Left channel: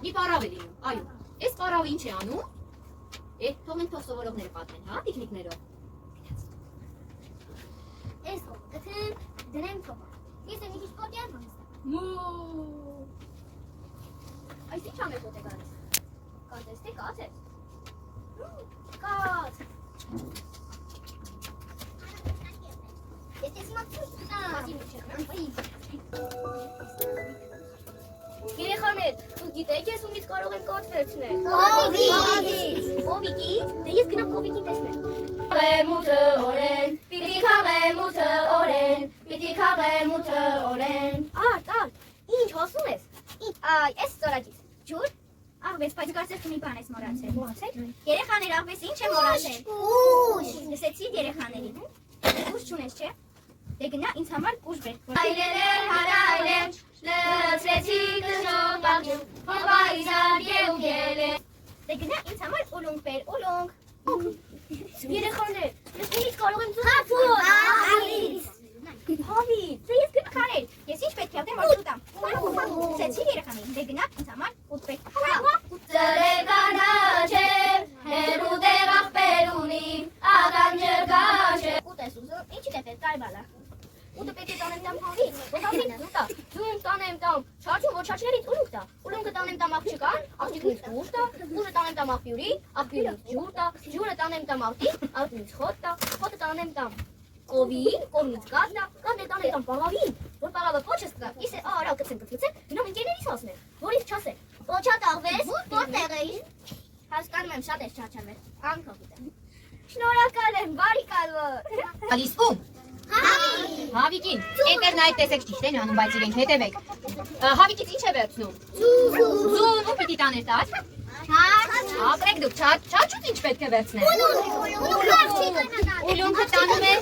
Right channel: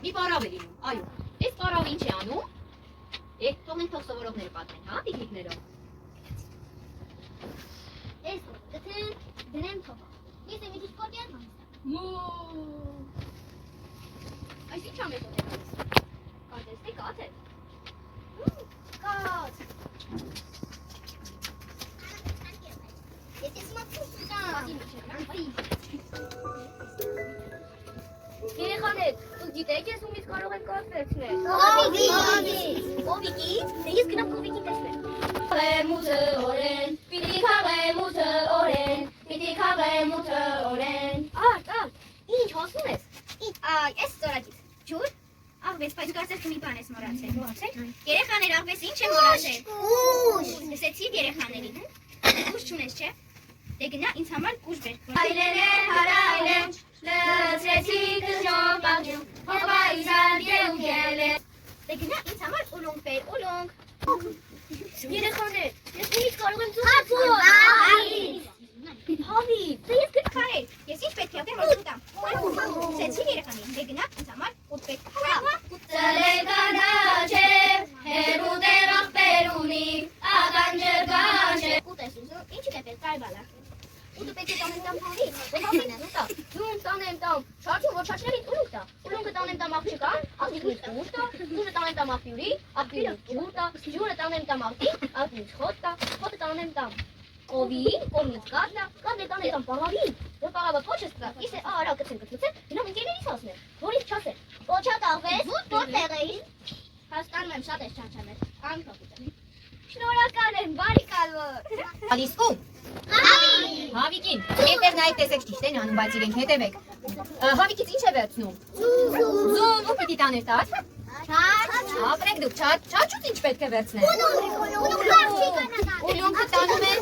մի պարավ է լինում, այո։ Այս պարավը ինչ է անում։ Թողնենք թող սովորողները պատմեն, հա, տիկնիկներով։ Այս գտեմ դնեմ թողը։ Ես եմ իդիշ կոտյան հանստա։ Այս ինչ ամեն կոտ է գալիս։ Կատես թե կատ է։ Կատ։ Ես ես Երեխաներ, դուք գիտեք ես ումից կարող եմ կատ վերցնել։ Կովիկից, դե ես գնամ կովիկին տեսնեմ։ Քաղեմ ութը օրեն, պիտի քաղեմ ութը օրեն, պիտի քաղեմ ութը օրեն։ Արդ, ինչ հոսում ես։ Այս ծորակից, ջուր, աղվես, բայց կարծես մի բան ես մոռացել։ Երեխաներ, աղվես ինչ եմ մոռացել։ Կուշ։ Լսեցիք երեխաներին։ Կուշ չունես, չէ։ Դե գնա ինձ համար կուշ բեր։ Այրեներ հարայրեն, լծրեցի կժոն բաղջում, հովայզան գեուգել է։ Դե գնա ինձ համար ուլունգ բեր, ուլունգ։ Երեխաներ, ես ումից կարող եմ ձուկ Հավի, դե ես գտքարել, ես ինչ պետք է ուտեմ, որ ուտամ։ Լսեցիք երեխաներին, դե գնա ինձ համար ուտ պետք։ Ծլեկանաչ է, հերու դեղ աղբեր ունի, աղանջը գանջ է։ Ուտ ես ուզում, ինչ է պետք կարվալա։ Ուտը պետք է տանեմ տամ հավի, որ հավին են ուտա։ Ձուն տանեմ տամ, չաչու որ չաչներից ուլունգ տա, ուլունգը տանեմ տամ աղջկան, աղջիկնից ջուր տա, ջուրը տանեմ տամ աղբյուրի, աղբյուրից ջուր տա, ջուրը տանեմ տամ աղջիկ, աղջիկից խոտ տա, խոտը տանեմ տամ կովին, կովնից կատ տա, կատն է տանեմ տամ պաղավին, որ պաղավը պոչս տա, իսկ է արա կծեմ կծեմ, գնամ ընկերներիս ասնեմ, որից չասեմ, Ոչատ աղվես, որտեղ էիր։ Հասկանում եմ, շատ ես չաչամել, անքով ուտեմ։ շնորհակալ եմ, բարի կալոր։ Ալիս ում։ Հավիկին, հետևն այդ տեսեք ճիշտ են անում, բայց իրենք հետևեք։ Հավիկից ինչ է վերցնում։ Զում, ու պիտի տաներ տար։ Ապրեք դուք, չաչուց ինչ պետք է վերցնել։ Ուլունգը տանում է։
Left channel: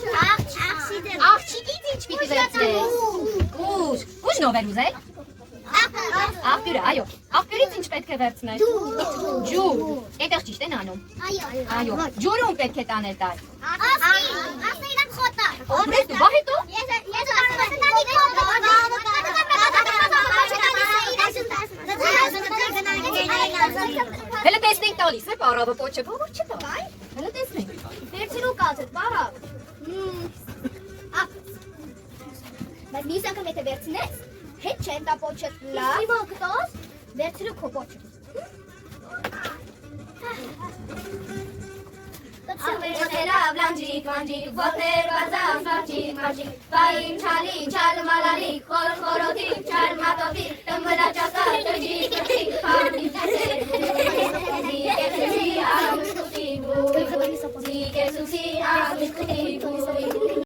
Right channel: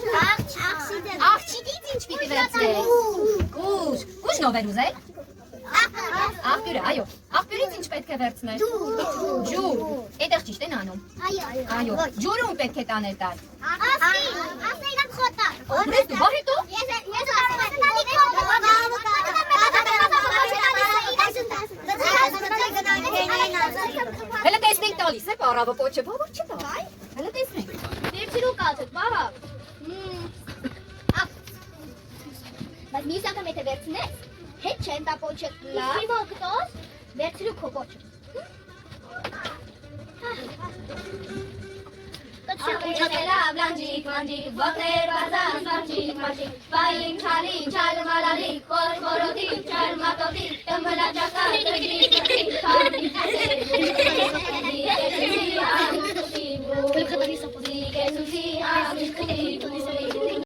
Աղջիկից ինչ պիտի վերցնել։ Ուշ նով էր ուզել։ Աղբյուրը, այո, աղբյուրից ինչ պետք է վերցնել։ Ջուր, այդեղ ճիշտ են անում։ Այո, ջուրը ում պետք է տանել տար։ Ասեինան խոտար։ Ապրեք դու, բա հետո։ Հələ տեսնենք տալիս է պարավը պոչը, բավար չի տա։ Հələ տեսնենք։ Վերցրու կացդ, պաղավ։ Բայց մյուս անգամ եթե վերցնես, հետ չեն տա պոչը լավ։ Իսկ հիմա կտաս։ Վերցրու քո պոչը։ Լավ լանջիկ, մանջիկ, ոտներ բազան, մարջիկ, մարջիկ, բային չալի, չալ մալալի, խոր խորոդի, չալ մատովի, տմվլա ճակա, տգի, պանի, զիկեսուսի, աղիշկուտի,